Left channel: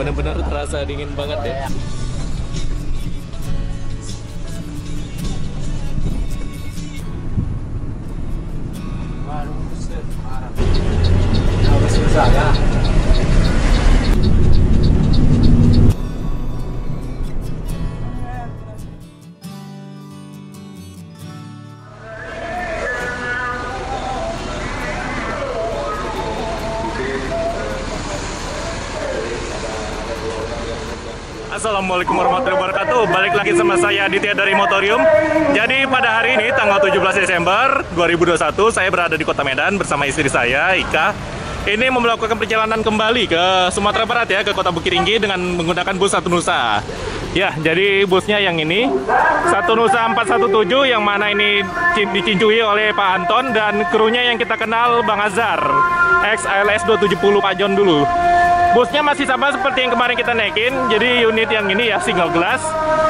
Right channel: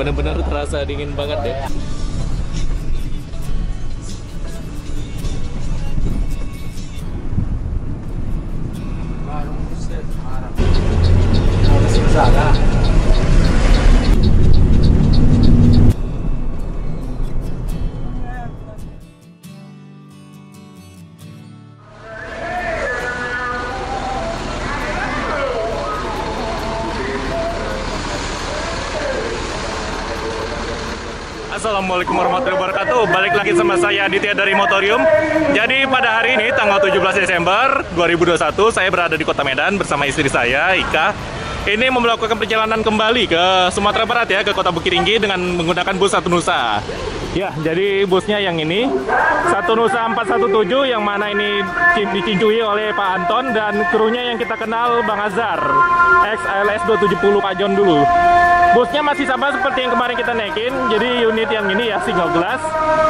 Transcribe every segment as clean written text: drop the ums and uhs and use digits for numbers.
Bener-bener terasa dingin banget ya. Assalamualaikum warahmatullahi wabarakatuh. Balik lagi sama saya Aditya dari Motorium. Jadi pada hari ini tanggal 17 Desember 2021 saya berada di Kota Medan bersama istri saya Ika. Ini melakukan perjalanan kembali ke Sumatera Barat ya, ke Kota Bukittinggi dengan menggunakan bus Satu Nusa. Ya, jadi busnya yang ini Satu Nusa 417 yang mana ini dicincui oleh Pak Anton dan krunya yang kita kenal Bang Azhar XLS 270 Pak John dulu. Busnya masih sama seperti yang kemarin kita naikin, jadi unit yang ini ya single glass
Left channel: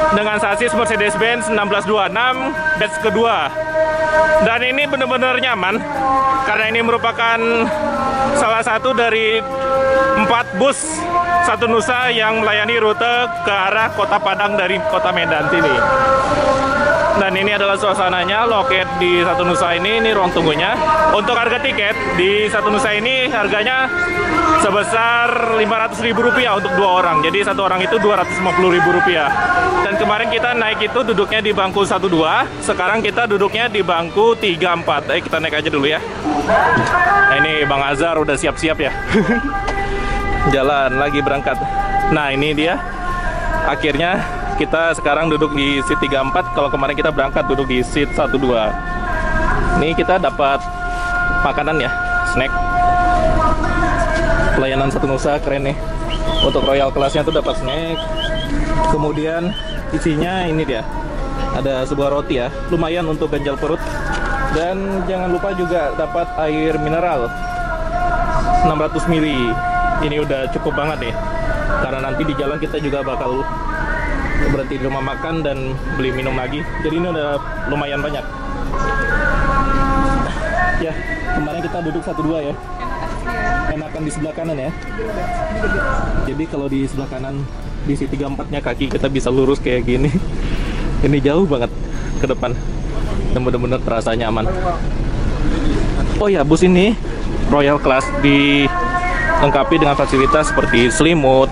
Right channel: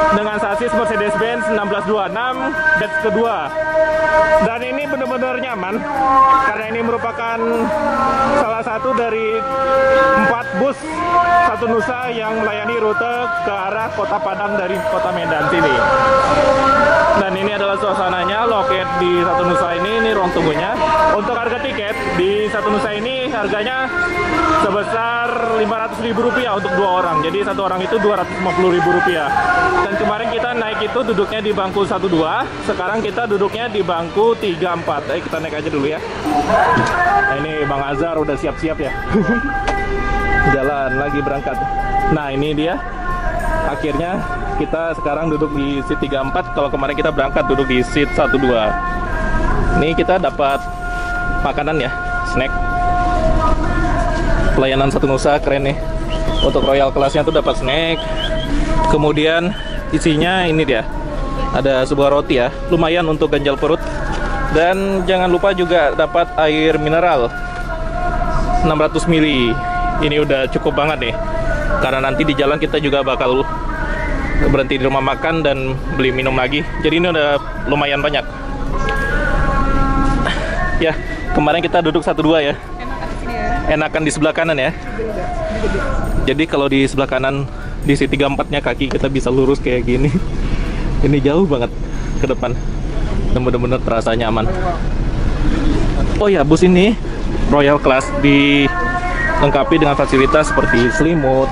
dengan sasis Mercedes-Benz 1626 batch kedua. Dan ini benar-benar nyaman karena ini merupakan salah satu dari 4 bus Satu Nusa yang melayani rute ke arah Kota Padang dari Kota Medan sini. Dan ini adalah suasananya, loket di Satu Nusa ini ruang tunggunya. Untuk harga tiket di Satu Nusa ini harganya sebesar Rp500.000 untuk 2 orang. Jadi satu orang itu Rp250.000. Dan kemarin kita naik itu duduknya di bangku 12, sekarang kita duduknya di bangku 34. Kita naik aja dulu ya. Nah, ini Bang Azhar udah siap-siap ya. Jalan lagi berangkat. Nah, ini dia. Akhirnya kita sekarang duduk di seat 34. Kalau kemarin kita berangkat duduk di seat 12. Ini kita dapat makanan ya, snack. Pelayanan Satu Nusa keren nih. Untuk royal kelasnya tuh dapat snack. Kemudian isinya ini dia. Ada sebuah roti ya, lumayan untuk ganjal perut. Dan jangan lupa juga dapat air mineral 600 ml. Ini udah cukup banget nih. Karena nanti di jalan kita juga bakal berhenti di rumah makan dan beli minum lagi. Jadi ini udah lumayan banyak. Ya, kemarin kita duduk 12 ya. Enakan di sebelah kanan ya. Jadi kalau di sebelah kanan di seat 34-nya kaki kita bisa lurus kayak gini. Ini jauh banget ke depan. Dan benar-benar terasa nyaman. Oh ya, bus ini Royal Class dilengkapi dengan fasilitas seperti selimut,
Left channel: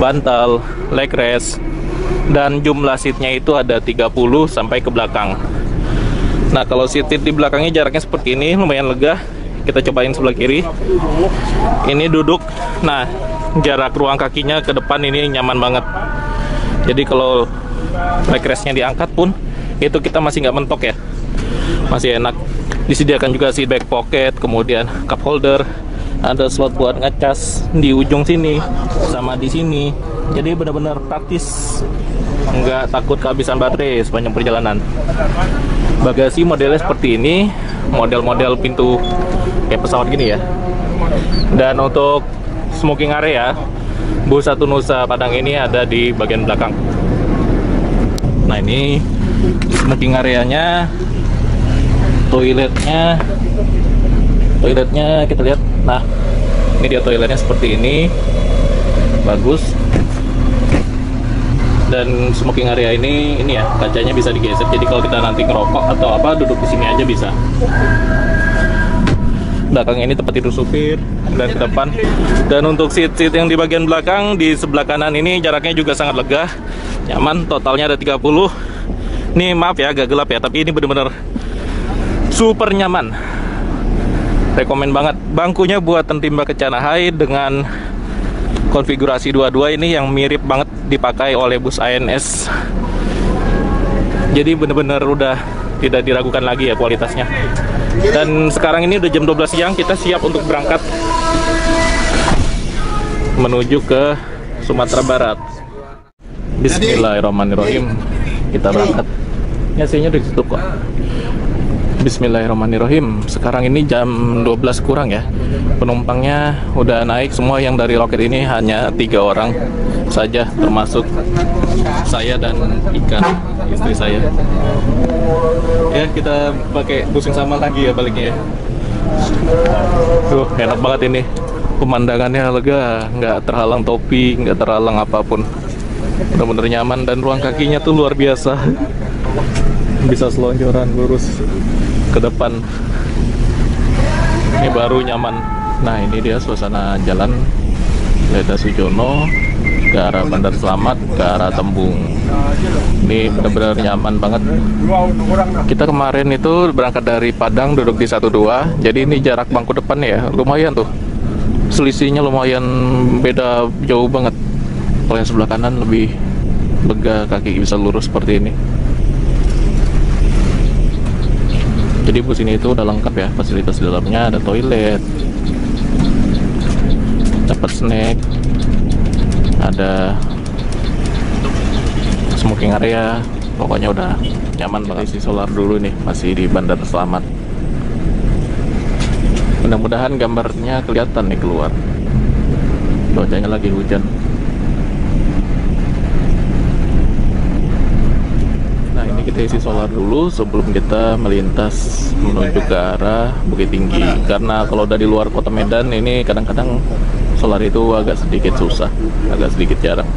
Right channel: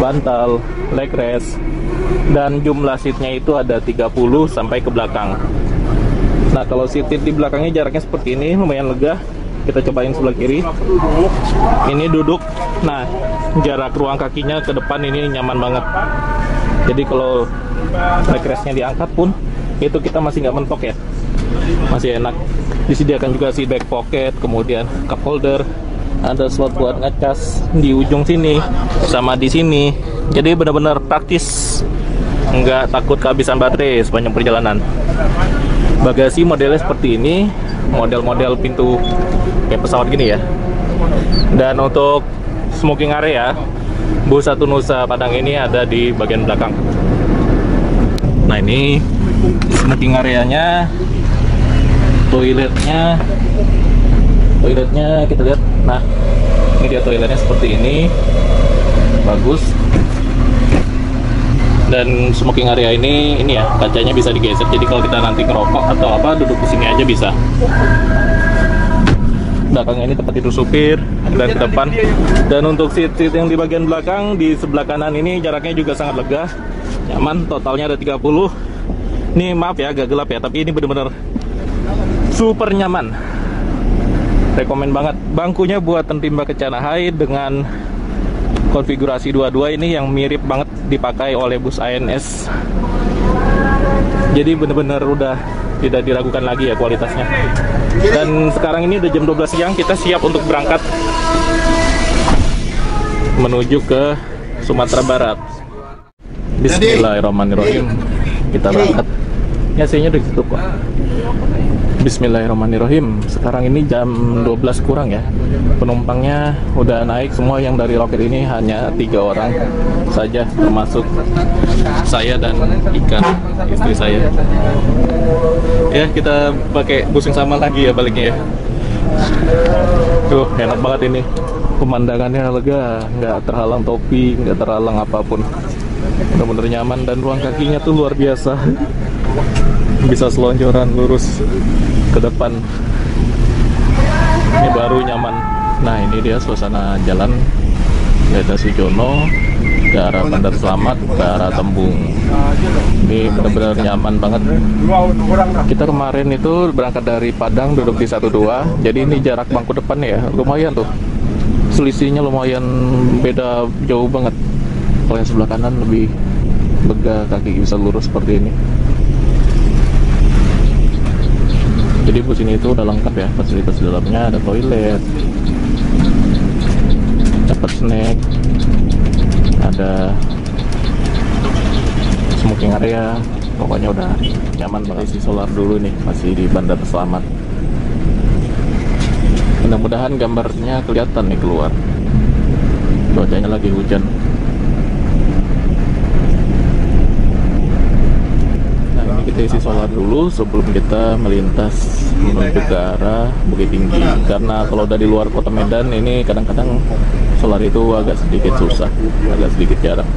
bantal, leg rest, dan jumlah seatnya itu ada 30 sampai ke belakang. Nah, kalau seat di belakangnya jaraknya seperti ini, lumayan lega. Kita cobain sebelah kiri. Ini duduk. Nah, jarak ruang kakinya ke depan ini nyaman banget. Jadi kalau leg restnya diangkat pun, itu kita masih nggak mentok ya. Masih enak. Disediakan juga seat back pocket, kemudian cup holder. Ada slot buat ngecas di ujung sini, sama di sini. Jadi benar-benar praktis. Nggak takut kehabisan baterai sepanjang perjalanan. Bagasi modelnya seperti ini, model-model pintu kayak pesawat gini ya. Dan untuk smoking area, bus Satu Nusa Padang ini ada di bagian belakang. Nah, ini smoking areanya, toiletnya kita lihat. Nah, ini dia toiletnya seperti ini, bagus. Dan smoking area ini ya, kacanya bisa digeser. Jadi kalau kita nanti ngerokok atau apa, duduk di sini aja bisa. Belakangnya ini tempat tidur supir dan ke depan. Dan untuk seat-seat yang di bagian belakang di sebelah kanan ini jaraknya juga sangat lega, nyaman. Totalnya ada 30. Ini maaf ya agak gelap ya, tapi ini bener-bener super nyaman. Rekomen banget. Bangkunya buatan timba kencana high dengan konfigurasi 22 ini yang mirip banget dipakai oleh bus ANS. Jadi bener-bener udah tidak diragukan lagi ya kualitasnya. Dan sekarang ini udah jam 12 siang, kita siap untuk berangkat menuju ke Sumatera Barat. Bismillahirrahmanirrahim. Kita berangkat. Ya, AC-nya udah ditutup kok. Bismillahirrahmanirrahim. Sekarang ini jam 12 kurang ya. Penumpangnya udah naik semua. Yang dari loket ini hanya 3 orang saja, termasuk saya dan Ika, istri saya. Ya, kita pakai bus yang sama lagi ya baliknya ya. Tuh, enak banget ini. Pemandangannya lega, nggak terhalang topi, nggak terhalang apapun. Bener-bener nyaman dan ruang kakinya tuh luar biasa. Bisa selonjoran lurus ke depan. Ini baru nyaman. Nah, ini dia suasana jalan Leda Sujono ke arah Bandar Slamet, ke arah Tembung. Ini benar-benar nyaman banget. Kita kemarin itu berangkat dari Padang, duduk di 12. Jadi ini jarak bangku depan ya, lumayan tuh. Selisihnya lumayan beda jauh banget. Kalau yang sebelah kanan lebih lega, kaki bisa lurus seperti ini. Jadi bus ini itu udah lengkap ya, fasilitas di dalamnya ada toilet, dapat snack, ada smoking area, pokoknya udah nyaman banget. Isi solar dulu nih, masih di Bandar Slamet. Mudah-mudahan gambarnya kelihatan nih keluar. Cuacanya lagi hujan. Nah, ini kita isi solar dulu sebelum kita melintas menuju ke arah Bukit Tinggi. Karena kalau dari luar kota Medan ini kadang-kadang solar itu agak sedikit susah, agak sedikit jarang.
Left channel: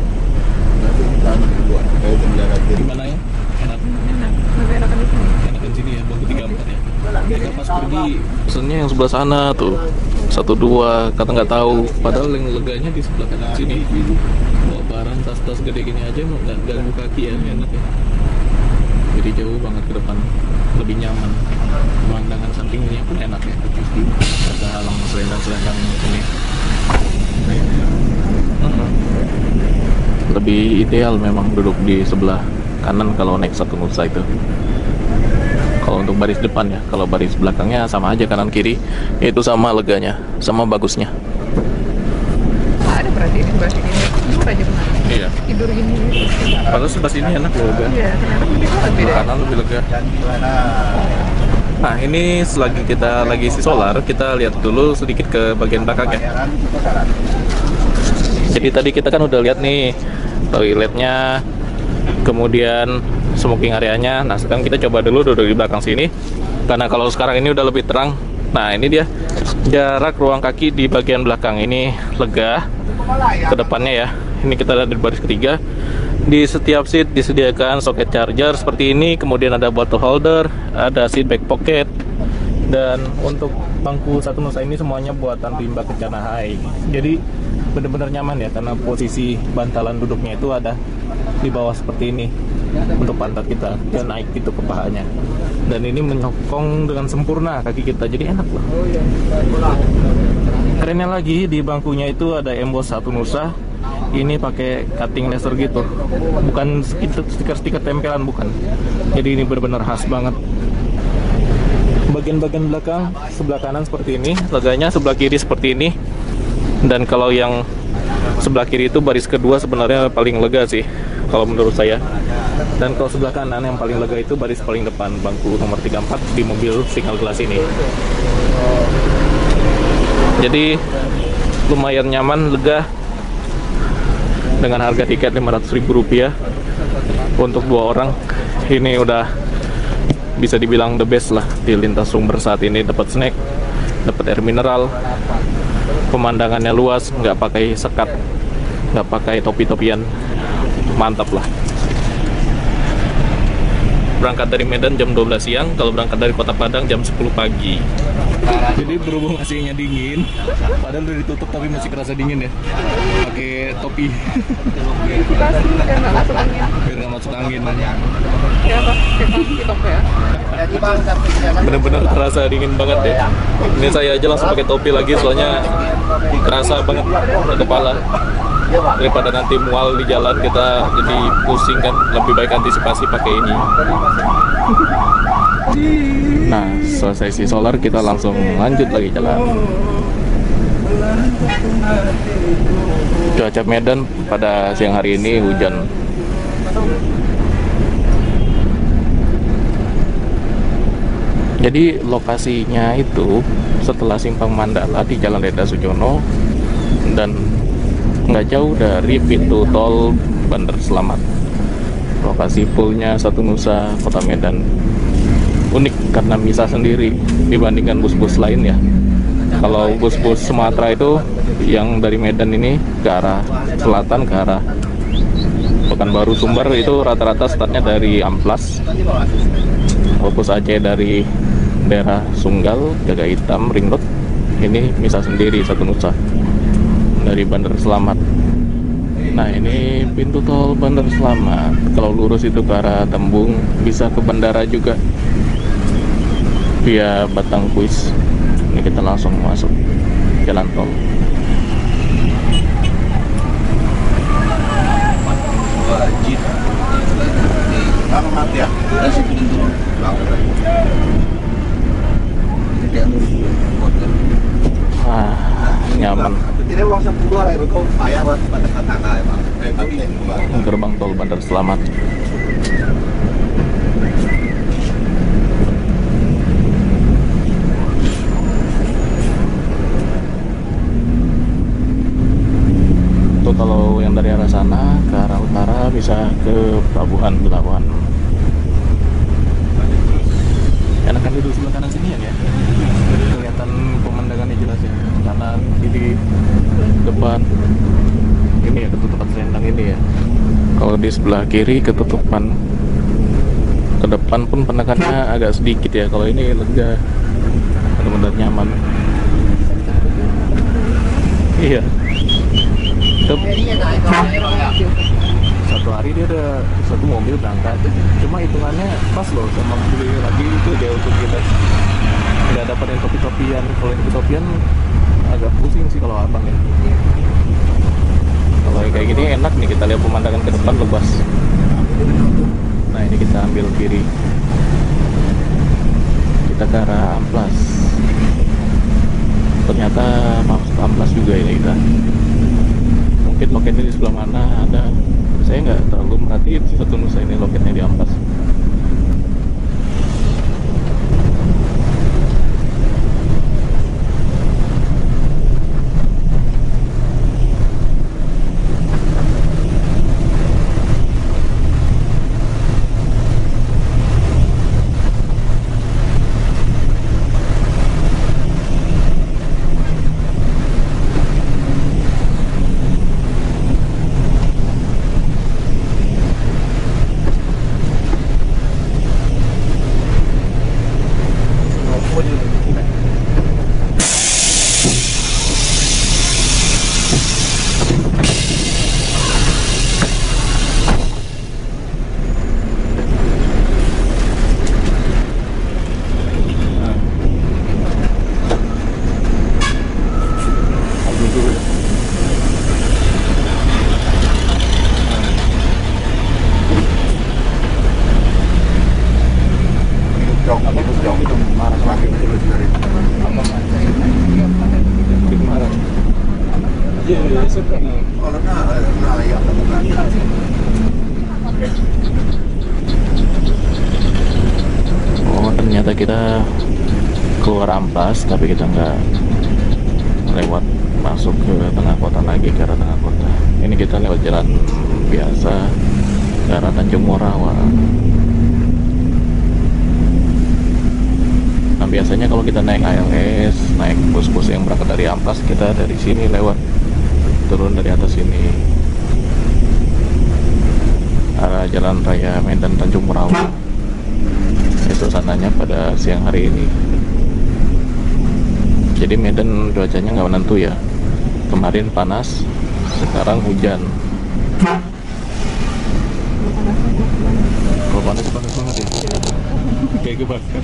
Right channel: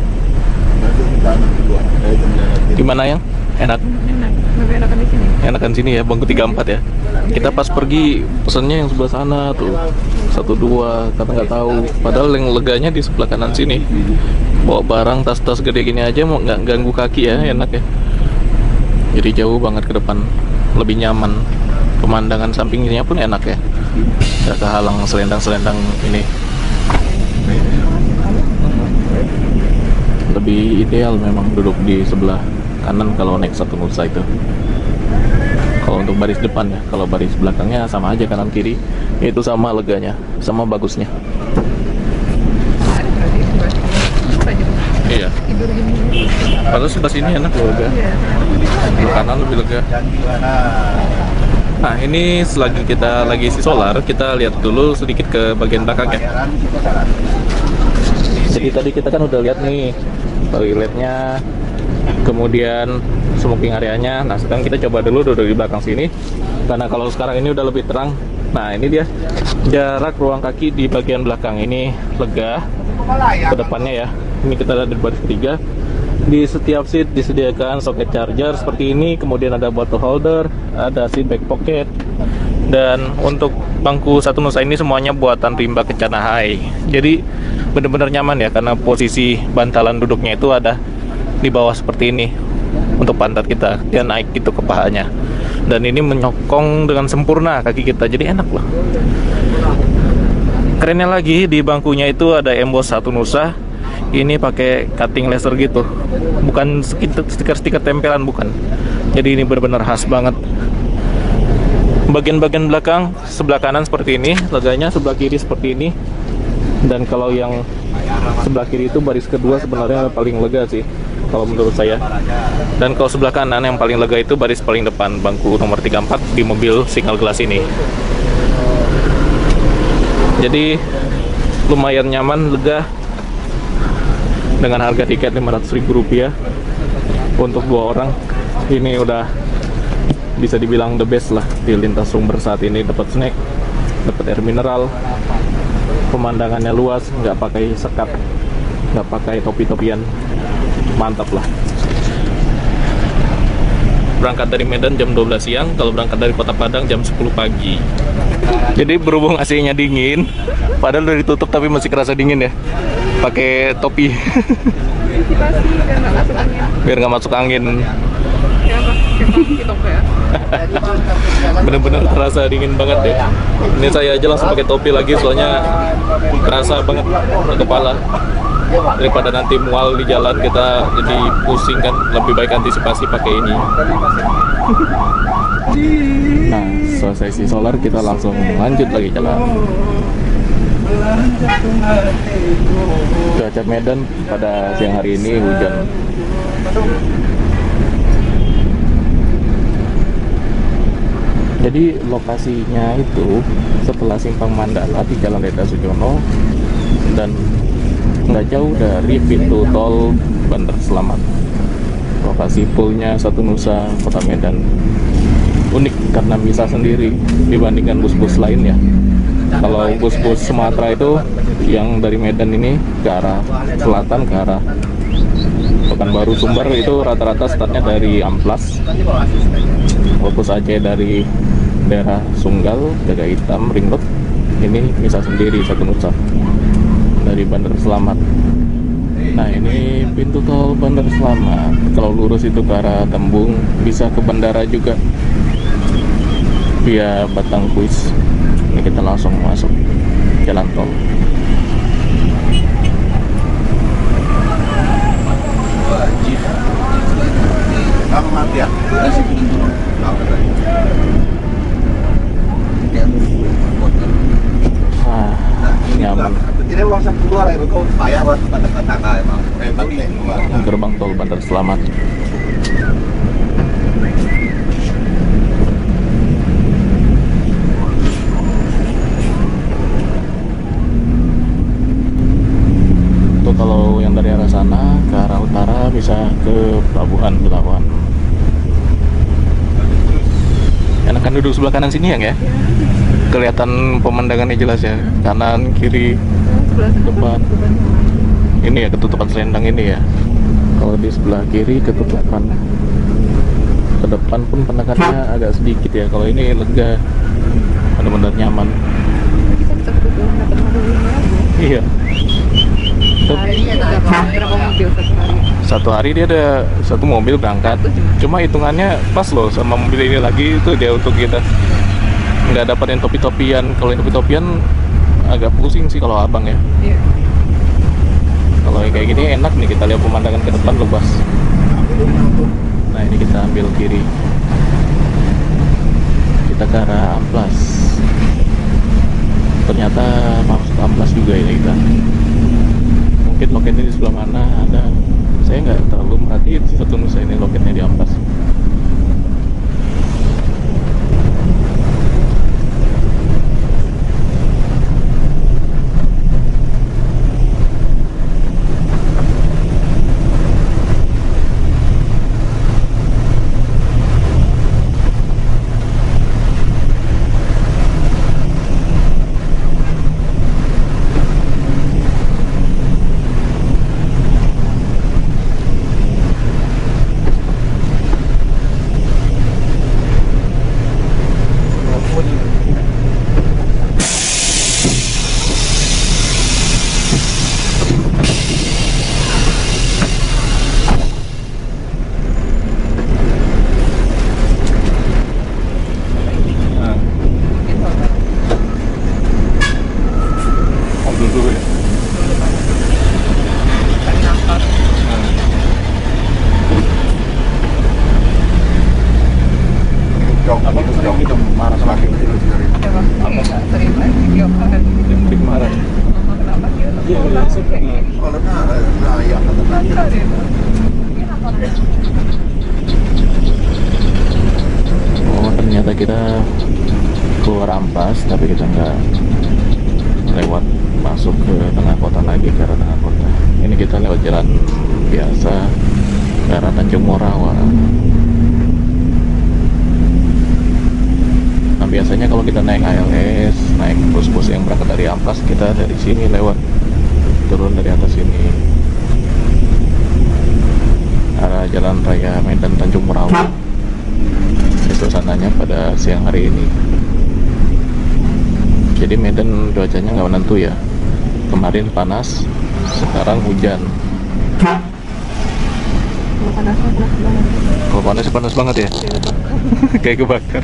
Gimana yang enak? Enak, lebih enakan di sini. Enakan sini ya, bangku 34 ya. Kita pas pergi pesennya yang sebelah sana tuh 12, kata nggak tahu. Padahal yang leganya di sebelah kanan sini. Bawa barang tas-tas gede gini aja mau nggak ganggu kaki ya, enak ya. Jadi jauh banget ke depan, lebih nyaman. Pemandangan sampingnya pun enak ya, nggak kehalang selendang-selendang ini. Lebih ideal memang duduk di sebelah kanan kalau naik Satu Nusa itu. Kalau untuk baris depan ya, kalau baris belakangnya sama aja kanan kiri, itu sama leganya, sama bagusnya. Ada berarti di sebelah sini. Duduk aja benar. Iya. Tidur gini. Padahal sebelah sini enak loh, lega. Iya, Sebelah kanan lebih lega. Nah, ini selagi kita lagi isi solar, kita lihat dulu sedikit ke bagian belakang ya. Jadi tadi kita kan udah lihat nih toiletnya, kemudian smoking areanya. Nah, sekarang kita coba dulu duduk di belakang sini, karena kalau sekarang ini udah lebih terang. Nah, ini dia jarak ruang kaki di bagian belakang ini lega ke depannya ya. Ini kita ada di baris ketiga. Di setiap seat disediakan soket charger seperti ini, kemudian ada bottle holder, ada seat back pocket, dan untuk bangku Satu Nusa ini semuanya buatan Rimba Kencana High. Jadi benar-benar nyaman ya, karena posisi bantalan duduknya itu ada di bawah seperti ini untuk pantat kita, dia naik gitu ke pahanya, dan ini menyokong dengan sempurna kaki kita, jadi enak loh. Kerennya lagi di bangkunya itu ada emboss Satu Nusa. Ini pakai cutting laser gitu, bukan stiker-stiker tempelan, bukan. Jadi ini benar-benar khas banget. Bagian-bagian belakang sebelah kanan seperti ini leganya, sebelah kiri seperti ini. Dan kalau yang sebelah kiri itu baris kedua sebenarnya paling lega sih kalau menurut saya. Dan kalau sebelah kanan yang paling lega itu baris paling depan, bangku nomor 34 di mobil single glass ini. Jadi lumayan nyaman, lega, dengan harga tiket Rp500.000 untuk 2 orang. Ini udah bisa dibilang the best lah di lintas sumber saat ini. Dapat snack, dapat air mineral, pemandangannya luas, nggak pakai sekat, nggak pakai topi-topian, mantap lah. Berangkat dari Medan jam 12 siang, kalau berangkat dari Kota Padang jam 10 pagi. Jadi berhubung AC-nya dingin, padahal udah ditutup tapi masih kerasa dingin ya. Pakai topi. Ventilasi biar nggak masuk angin. Biar nggak masuk angin. Ya apa? Kita ya. Bener-bener terasa dingin banget ya. Ini saya aja langsung pakai topi lagi, soalnya kerasa banget di kepala. Daripada nanti mual di jalan kita jadi pusing kan, lebih baik antisipasi pakai ini. Nah, selesai isi solar kita langsung lanjut lagi jalan. Cuaca Medan pada siang hari ini hujan. Jadi lokasinya itu setelah Simpang Mandala di Jalan Leda Sujono dan nggak jauh dari pintu tol Bandar Slamet. Lokasi poolnya Satu Nusa Kota Medan unik karena misah sendiri dibandingkan bus-bus lainnya. Kalau bus-bus Sumatera itu yang dari Medan ini ke arah selatan, ke arah Pekanbaru Sumber, itu rata-rata startnya dari Amplas. Kalau bus Aceh dari daerah Sunggal, Jaga Hitam, Ring Road, ini bisa sendiri satu nusa dari Bandar Selamat. Nah, ini pintu tol Bandar Selamat. Kalau lurus itu ke arah Tembung, bisa ke bandara juga via Batang Kuis. Ini kita langsung masuk jalan tol. Nyaman. Gerbang tol Bandar Selamat. Itu kalau yang dari arah sana ke arah utara bisa ke Pelabuhan Belawan. Enakan duduk sebelah kanan sini ya? Kelihatan pemandangannya jelas ya, kanan, kiri, depan. Ini ya ketutupan selendang ini ya. Kalau di sebelah kiri ketutupan, ke depan pun penekannya agak sedikit ya. Kalau ini lega, benar-benar nyaman. Iya. Satu hari dia ada satu mobil berangkat. Cuma hitungannya pas loh sama mobil ini lagi, itu dia untuk kita nggak dapat yang topi-topian. Kalau yang topi-topian agak pusing sih kalau abang ya. Iya. Kalau kayak gini enak nih, kita lihat pemandangan ke depan lepas. Nah, ini kita ambil kiri, kita ke arah Amplas. Ternyata masuk Amplas juga ini kita. Mungkin loketnya di sebelah mana ada, saya nggak terlalu merhatiin sih satu nusa ini loketnya di Amplas. Oh, ternyata kita keluar Amplas, tapi kita nggak lewat masuk ke tengah kota lagi, ke arah tengah kota. Ini kita lewat jalan biasa ke arah Tanjung Morawa. Nah, biasanya kalau kita naik ALS, naik bus-bus yang berangkat dari Amplas, kita dari sini lewat, turun dari atas sini arah Jalan Raya Medan Tanjung Morawa. Itu sananya pada siang hari ini. Jadi Medan cuacanya nggak menentu ya. Kemarin panas, sekarang hujan. Kalau panas panas banget ya. Kayak kebakar.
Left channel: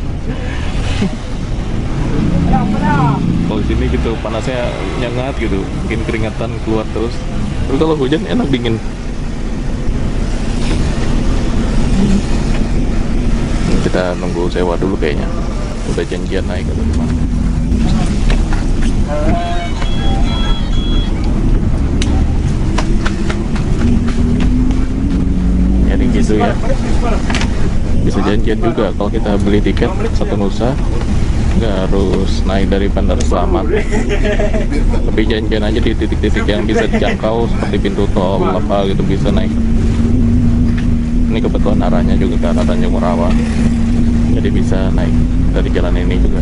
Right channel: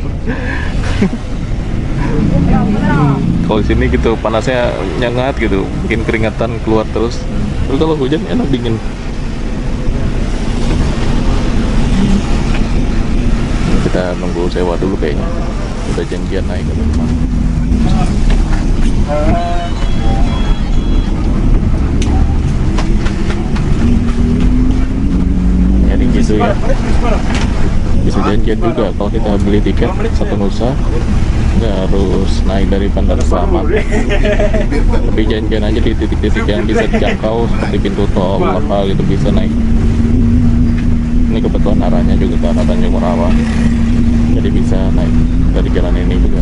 Kalau di sini gitu panasnya nyengat gitu, bikin keringatan keluar terus. Terus kalau hujan enak dingin. Kita nunggu sewa dulu kayaknya. Udah janjian naik ke rumah. Jadi gitu ya. Bisa janjian juga kalau kita beli tiket satu nusa, nggak harus naik dari Bandar Selamat. Tapi janjian aja di titik-titik yang bisa dijangkau seperti pintu tol apa gitu, bisa naik. Ini kebetulan arahnya juga ke arah Tanjung Morawa, jadi bisa naik dari jalan ini juga.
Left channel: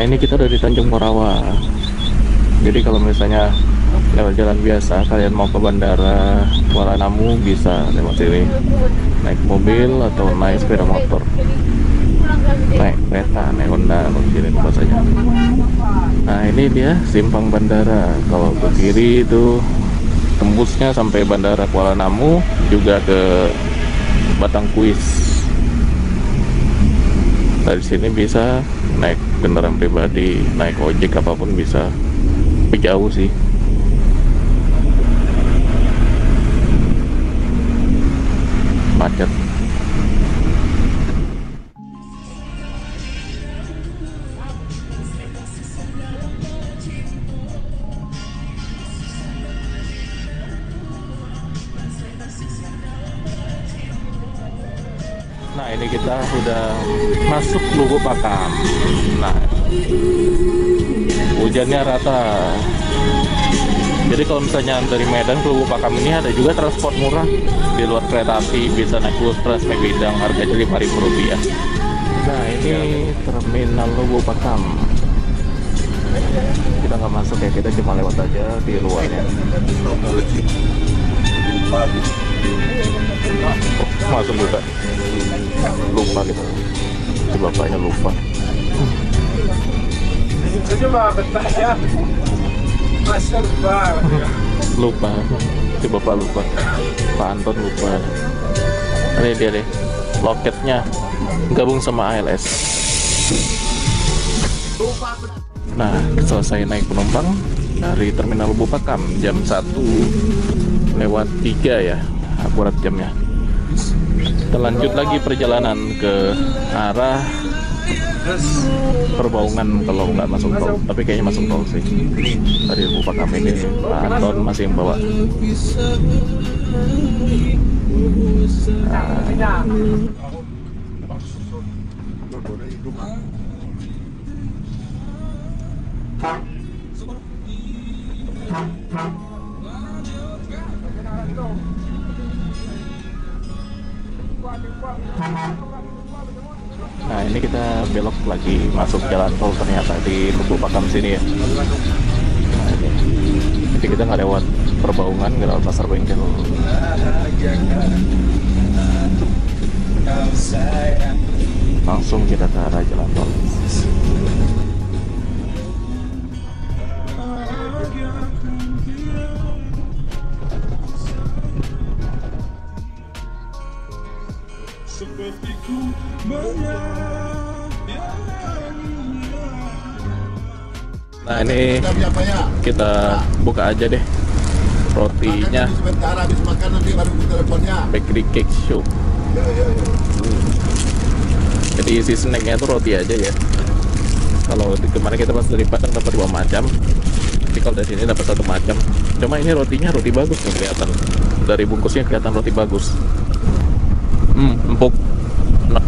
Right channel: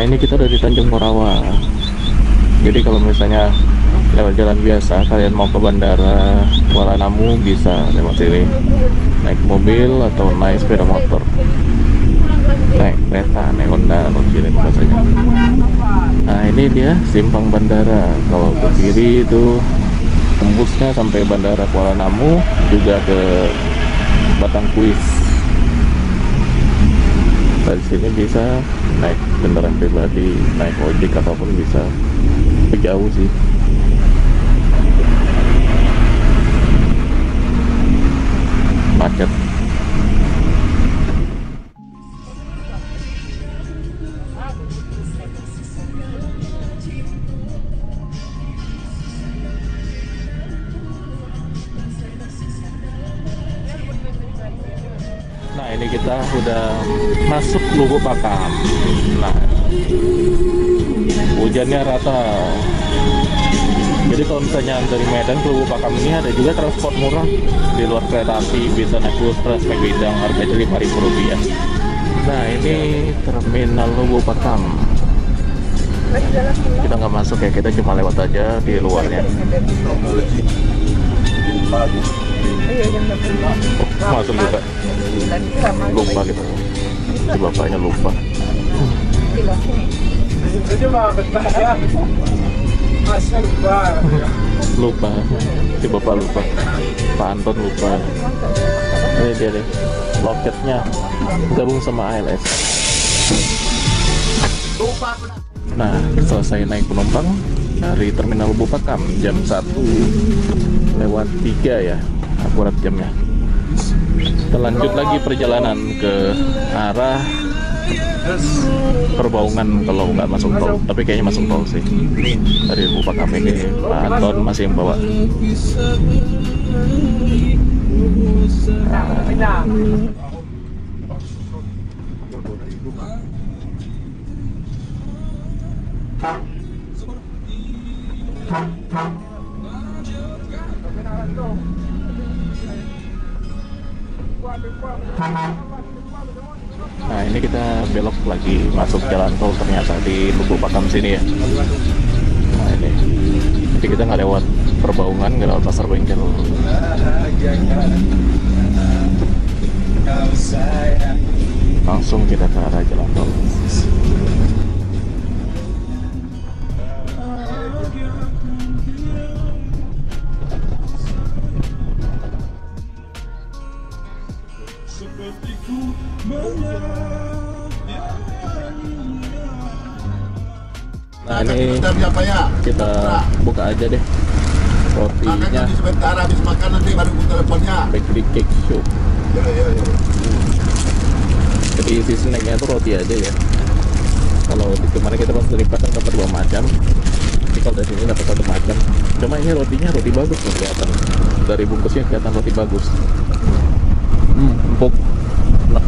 Nah, ini kita udah di Tanjung Morawa. Jadi kalau misalnya lewat jalan biasa, kalian mau ke bandara Kuala Namu bisa lewat sini. Naik mobil atau naik sepeda motor. Naik kereta, naik Honda, kalau sini bahasanya. Nah, ini dia simpang bandara. Kalau ke kiri itu tembusnya sampai bandara Kuala Namu, juga ke Batangkuis. Dari sini bisa naik kendaraan pribadi, naik ojek apapun bisa. Tapi jauh sih. Macet. Nah, ini kita udah masuk Lubuk Pakam. Nah, hujannya rata. Jadi kalau misalnya dari Medan ke Lubuk Pakam ini ada juga transport murah di luar kereta api, bisa naik bus Trans Megabidang, harganya Rp5.000. Nah, ini terminal Lubuk Pakam. Kita nggak masuk ya, kita cuma lewat aja di luarnya. Oh, masuk juga. Lupa gitu. Si bapaknya lupa. Lupa. Si bapak lupa. Pak Anton lupa. Ini dia deh. Loketnya gabung sama ALS. Nah, selesai naik penumpang dari Terminal Lubuk Pakam jam 1:03 ya, akurat jamnya. Kita lanjut lagi perjalanan ke arah Perbaungan kalau nggak masuk tol, tapi kayaknya masuk tol sih. Dari Lubuk Pakam ini Pak Anton masih yang bawa. Nah, ini kita belok lagi masuk jalan tol ternyata di Lubuk Pakam sini ya. Nah, ini. Jadi kita nggak lewat Perbaungan, nggak lewat Pasar Bengkel. Langsung kita ke arah jalan tol. Nah, ini kita buka aja deh rotinya. Sebentar habis makan nanti baru teleponnya. Bakery Cake Shop. Jadi isi snacknya itu roti aja ya. Kalau kemarin kita pas dari Padang dapat 2 macam, tapi kalau dari sini dapat 1 macam. Cuma ini rotinya roti bagus tuh kelihatan. Dari bungkusnya kelihatan roti bagus. Empuk. Enak.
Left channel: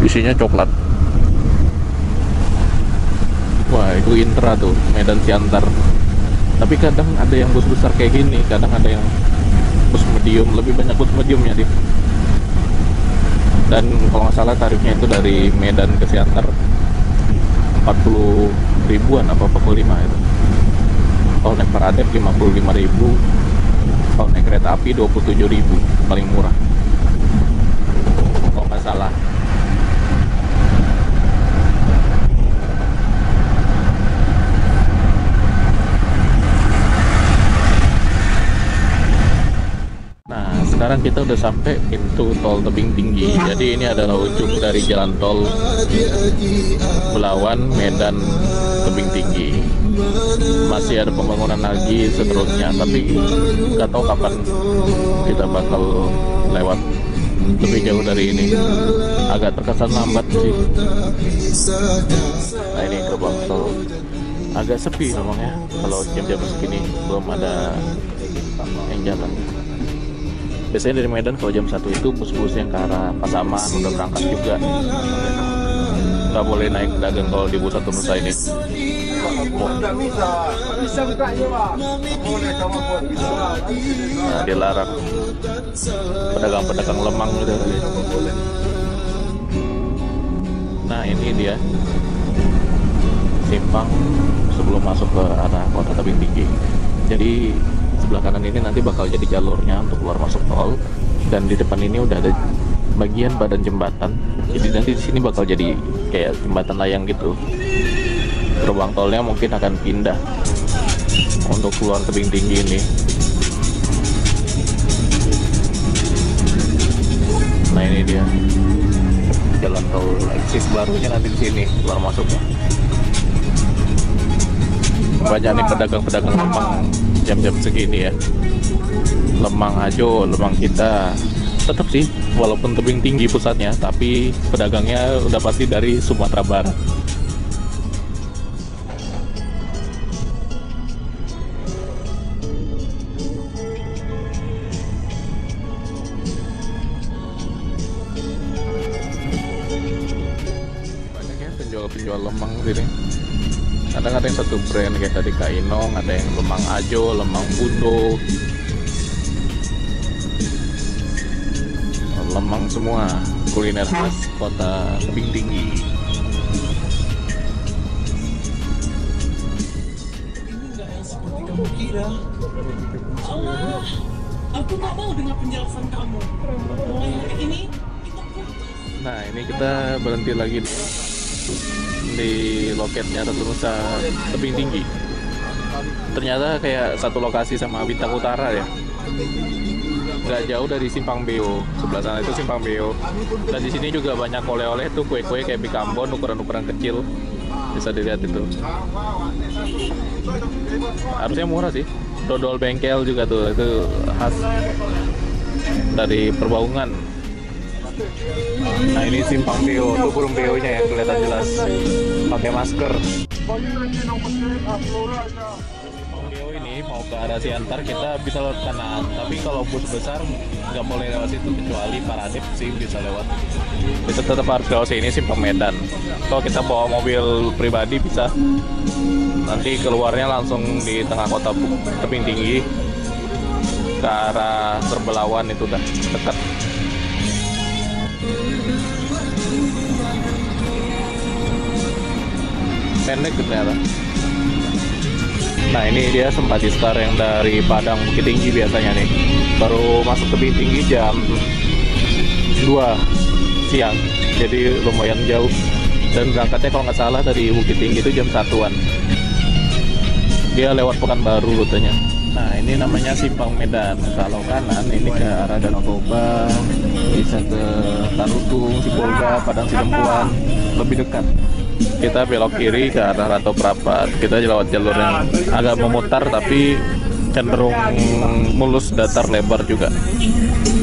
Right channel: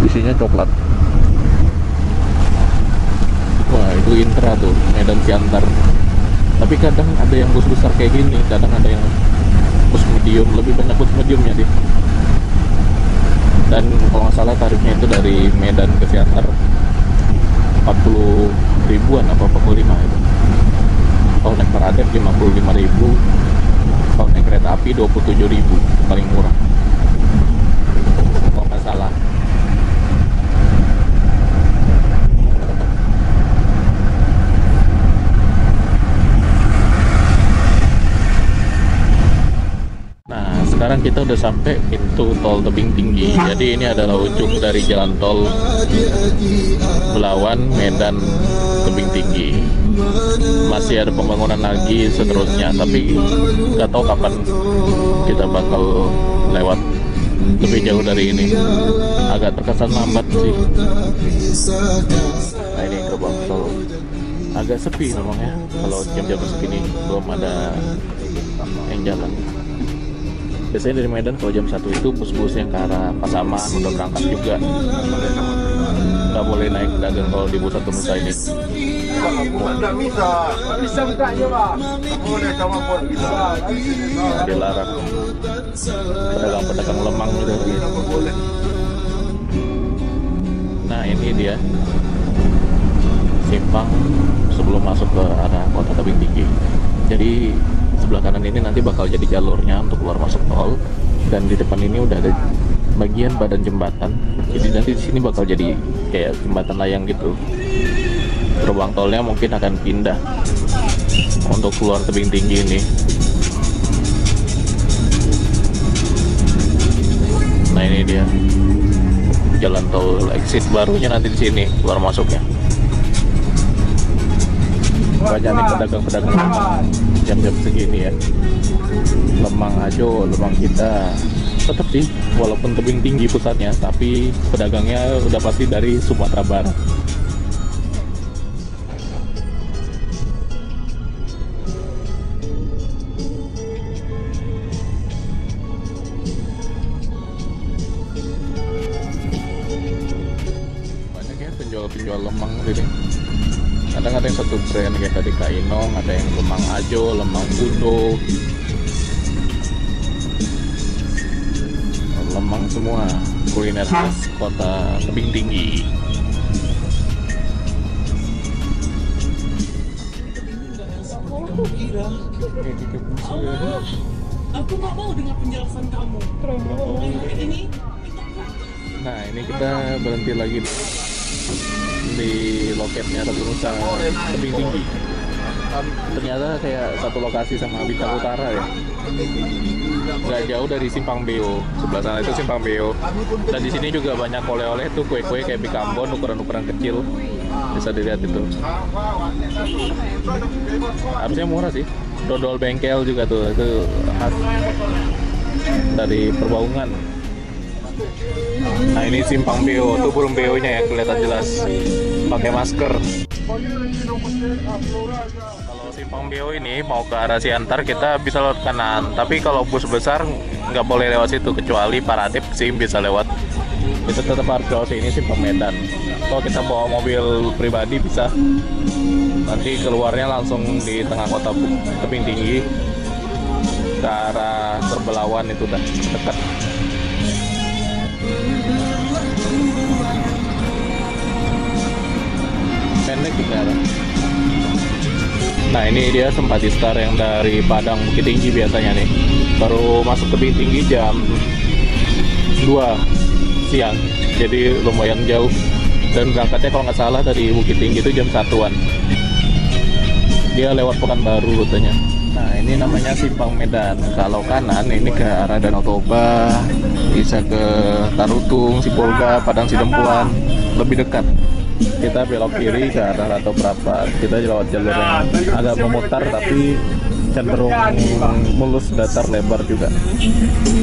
Isinya coklat. Wah, itu Intra tuh, Medan Siantar. Tapi kadang ada yang bus besar kayak gini, kadang ada yang bus medium, lebih banyak bus mediumnya sih. Dan kalau nggak salah tarifnya itu dari Medan ke Siantar 40 ribuan apa 45 itu. Kalau naik Paradep 55.000, kalau naik kereta api 27.000 paling murah. Kalau nggak salah. Sekarang kita udah sampai pintu tol Tebing Tinggi. Jadi ini adalah ujung dari jalan tol Belawan, Medan, Tebing Tinggi. Masih ada pembangunan lagi seterusnya, tapi nggak tahu kapan kita bakal lewat lebih jauh dari ini. Agak terkesan lambat sih. Nah, ini gerbang tol agak sepi memang ya. Kalau jam-jam segini belum ada yang jalan. Biasanya dari Medan kalau jam 1 itu bus-bus yang ke arah Pasaman udah berangkat juga. Nggak boleh naik dagang kalau di pusat Nusa ini. Dilarang. Pedagang-pedagang lemang gitu. Nah ini dia simpang sebelum masuk ke arah kota Tebing Tinggi. Jadi sebelah kanan ini nanti bakal jadi jalurnya untuk keluar masuk tol, dan di depan ini udah ada bagian badan jembatan. Jadi nanti di sini bakal jadi kayak jembatan layang gitu. Gerbang tolnya mungkin akan pindah untuk keluar Tebing Tinggi ini. Nah ini dia jalan tol eksis barunya nanti di sini keluar masuknya. Banyak nih pedagang-pedagang lemang jam-jam segini ya. Lemang Ajo, lemang kita. Tetap sih, walaupun Tebing Tinggi pusatnya, tapi pedagangnya udah pasti dari Sumatera Barat. Banyak ya penjual-penjual lemang sini. Kadang ada yang satu brand kayak tadi Kainong, ada yang lemang Ajo, lemang Budo, lemang semua kuliner khas kota Tebing Tinggi. Aku nggak mau dengar penjelasan kamu. Nah ini kita berhenti lagi di loketnya Ratu Nusa Tebing Tinggi. Ternyata kayak satu lokasi sama Bintang Utara ya. Nggak jauh dari Simpang Beo, sebelah sana itu Simpang Beo. Dan di sini juga banyak oleh-oleh tuh, kue-kue kayak bikambon ukuran-ukuran kecil, bisa dilihat itu. Harusnya murah sih. Dodol bengkel juga tuh, itu khas dari Perbaungan. Nah ini Simpang Beo, tuh burung beonya ya kelihatan jelas, pakai masker. Kalau Simpang Beo ini mau ke arah Siantar kita bisa lewat kanan, tapi kalau bus besar nggak boleh lewat situ, kecuali Paradip sih bisa lewat. Bisa tetap harus lewat sini Simpang Medan. Kalau kita bawa mobil pribadi bisa, nanti keluarnya langsung di tengah kota Tebing Tinggi ke arah Terbelawan, itu udah dekat. Pendek ternyata. Nah ini dia Sempati Star yang dari Padang Bukit Tinggi biasanya nih. Baru masuk Tebing Tinggi jam 2 siang, jadi lumayan jauh. Dan berangkatnya kalau nggak salah dari Bukit Tinggi itu jam 1-an. Dia lewat Pekanbaru rutenya. Nah ini namanya Simpang Medan. Kalau kanan ini ke arah Danau Toba, bisa ke Tarutung, Sipolga, Padang Sidempuan, lebih dekat. Kita belok kiri ke arah Rantau Prapat. Kita lewat jalur yang agak memutar tapi cenderung mulus, datar, lebar juga.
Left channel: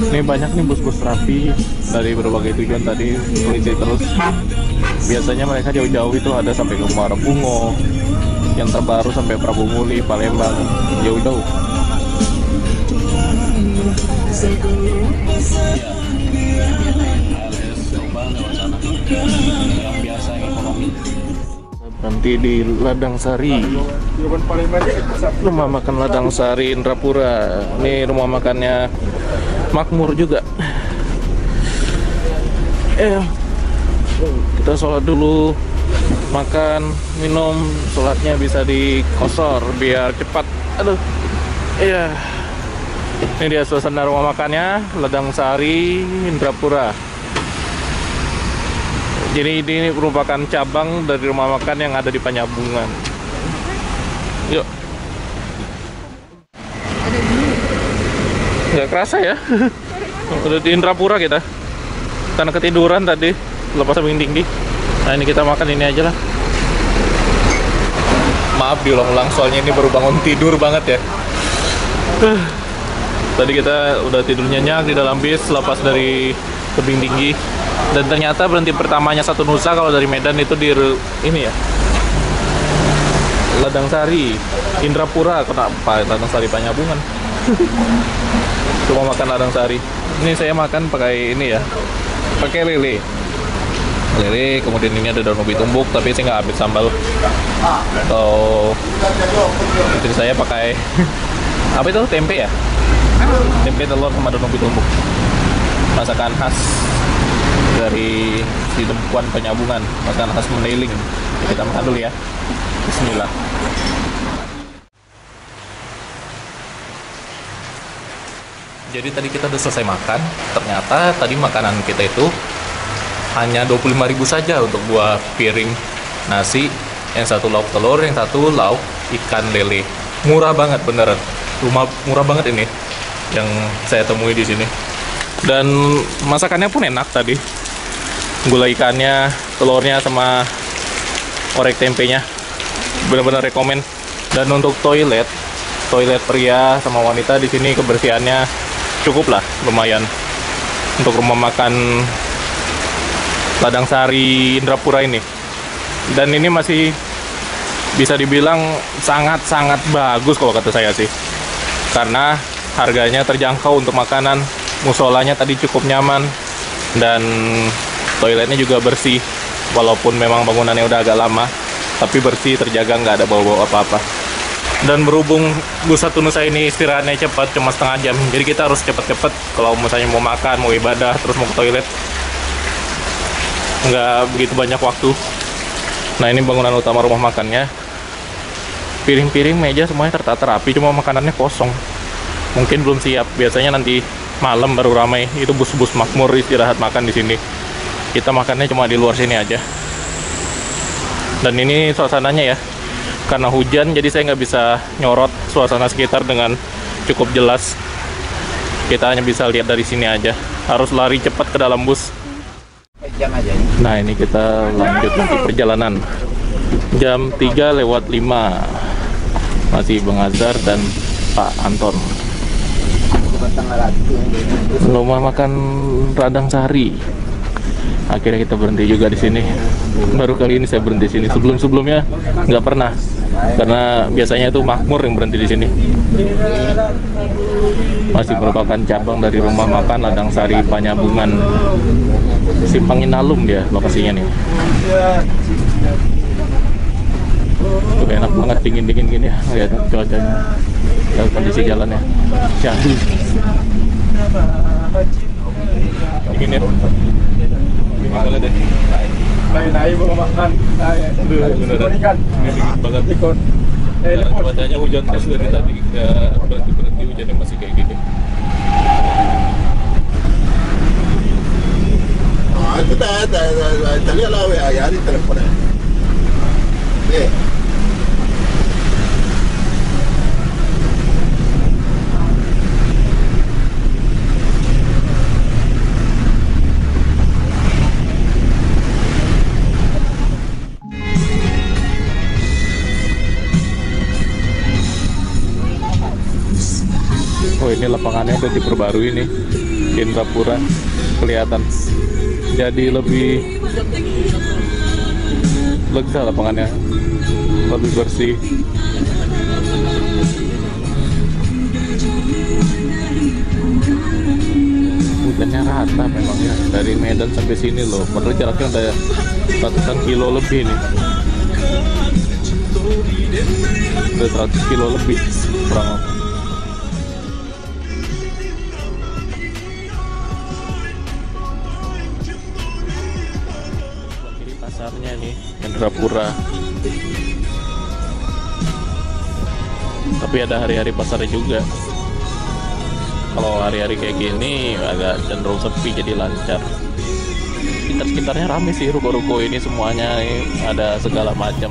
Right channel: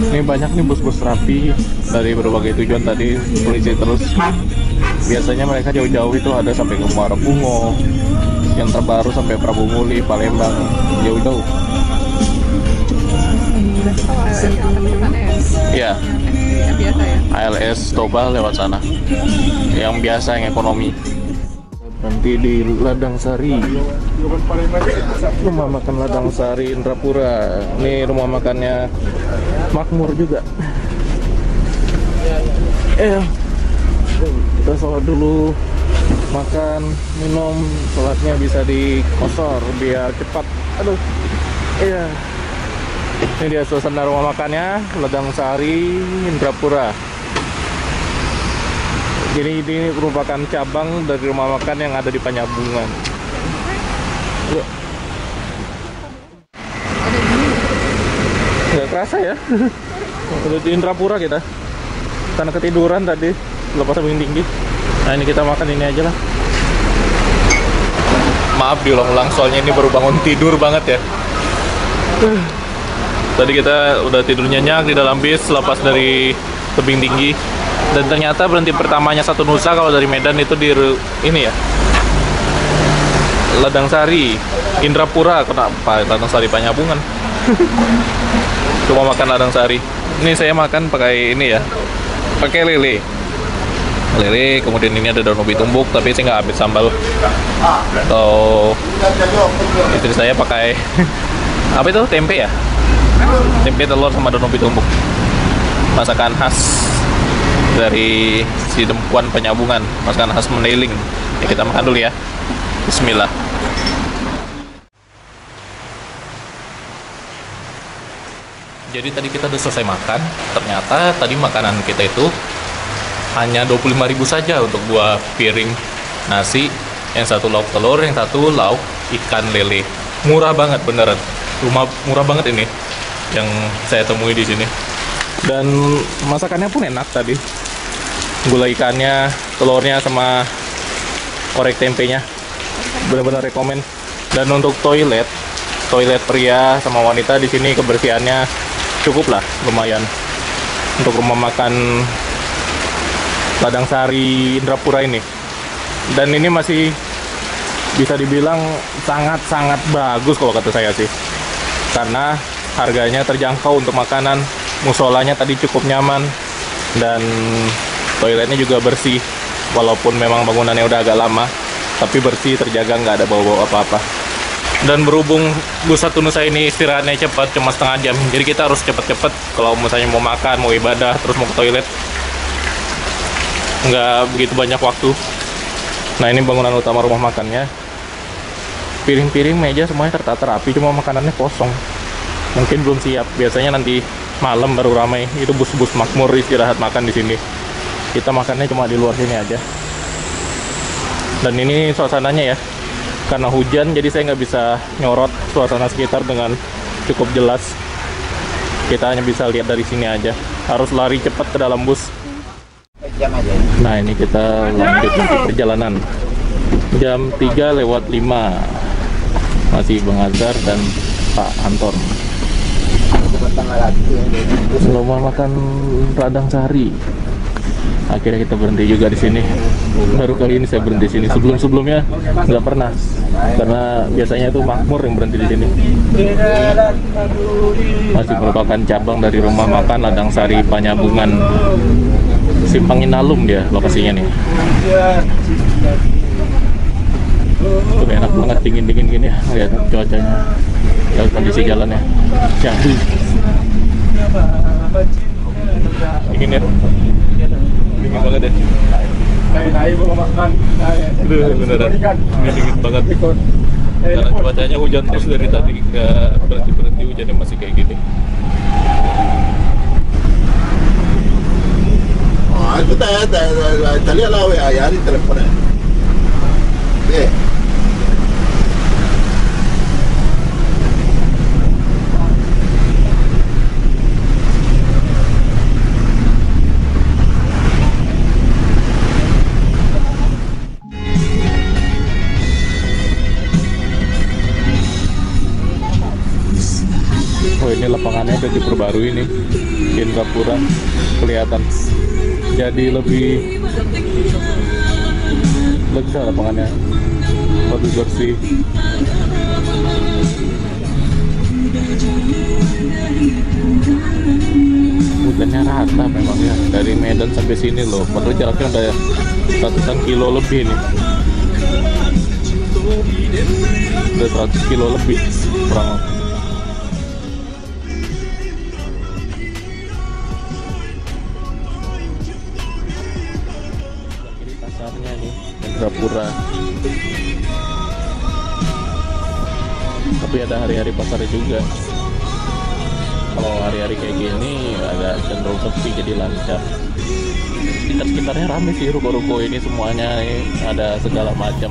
Ini banyak nih bus-bus rapi dari berbagai tujuan tadi, polisi terus. Biasanya mereka jauh-jauh itu ada sampai ke Muara Bungo, yang terbaru sampai Prabu Muli, Palembang, jauh-jauh. Ya, ALS Toba lewat sana. Yang biasa, yang ekonomi. Berhenti di Ladang Sari, rumah makan Ladang Sari Indrapura. Ini rumah makannya makmur juga. Kita sholat dulu, makan, minum, sholatnya bisa dikosor biar cepat. Aduh, iya. Ini dia suasana rumah makannya Ladang Sari Indrapura. Jadi ini merupakan cabang dari rumah makan yang ada di Panyabungan. Yuk. Nggak kerasa ya. Udah di Indrapura kita. Karena ketiduran tadi lepas Tebing Tinggi. Nah ini kita makan ini aja lah. Maaf diulang-ulang soalnya ini baru bangun tidur banget ya. Tadi kita udah tidur nyenyak di dalam bis lepas dari Tebing Tinggi. Dan ternyata berhenti pertamanya Satu Nusa kalau dari Medan itu di ini ya, Ladang Sari Indrapura. Kenapa Ladang Sari Panyabungan? Cuma makan Ladang Sari. Ini saya makan pakai ini ya, pakai lele, kemudian ini ada daun ubi tumbuk, tapi saya nggak ambil sambal. Atau istri saya pakai apa itu, tempe ya, tempe telur sama daun ubi tumbuk, masakan khas dari si Dempuan Penyambungan, masakan khas Mandailing. Ya, kita makan dulu ya. Bismillah. Jadi tadi kita udah selesai makan. Ternyata tadi makanan kita itu hanya 25.000 saja untuk 2 piring nasi. Yang satu lauk telur, yang satu lauk ikan lele. Murah banget beneran. Murah banget ini yang saya temui di sini. Dan masakannya pun enak tadi. Gulai ikannya, telurnya sama korek tempenya. Bener-bener rekomen. Dan untuk toilet pria sama wanita di sini kebersihannya cukup lah, lumayan. Untuk rumah makan Ladang Sari Indrapura ini. Dan ini masih bisa dibilang sangat-sangat bagus kalau kata saya sih. Karena harganya terjangkau untuk makanan, musolanya tadi cukup nyaman, dan toiletnya juga bersih. Walaupun memang bangunannya udah agak lama, tapi bersih, terjaga, nggak ada bau-bau apa-apa. Dan berhubung bus Satu Nusa ini istirahatnya cepat, cuma setengah jam, jadi kita harus cepet-cepet kalau misalnya mau makan, mau ibadah, terus mau ke toilet, nggak begitu banyak waktu. Nah, ini bangunan utama rumah makannya. Piring-piring, meja semuanya tertata rapi, cuma makanannya kosong. Mungkin belum siap. Biasanya nanti malam baru ramai. Itu bus-bus makmur istirahat makan di sini. Kita makannya cuma di luar sini aja. Dan ini suasananya ya, karena hujan jadi saya nggak bisa nyorot suasana sekitar dengan cukup jelas. Kita hanya bisa lihat dari sini aja. Harus lari cepat ke dalam bus. Nah, ini kita lanjut lagi perjalanan. Jam 3:05. Masih Bang Azhar dan Pak Anton. Rumah makan Ladang Sari. Akhirnya kita berhenti juga di sini. Baru kali ini saya berhenti di sini. Sebelum-sebelumnya nggak pernah, karena biasanya itu makmur yang berhenti di sini. Masih merupakan cabang dari rumah makan Ladang Sari Penyambungan. Simpang Inalum dia lokasinya nih. Tuh, enak banget, dingin-dingin gini ya. Lihat cuacanya, lihat kondisi jalannya. Syahdu. Dingin ya. Dingin banget ya. Beneran. Ini dingin banget. Karena cuacanya hujan terus dari tadi, nggak berhenti-berhenti, hujannya masih kayak gini. Itu tadi lah ya di teleponnya. Oh, ini lapangannya udah diperbarui nih, Indrapura, kelihatan. Jadi lebih lega lapangannya, lebih bersih. Hujannya rata memang ya, dari Medan sampai sini loh. Padahal jaraknya udah ratusan kilo lebih nih. Udah 100 kilo lebih kurang. Indrapura. Tapi ada hari-hari pasarnya juga. Kalau hari-hari kayak gini agak cenderung sepi, jadi lancar. Sekitar-sekitarnya ramai sih, ruko-ruko ini semuanya nih, ada segala macam.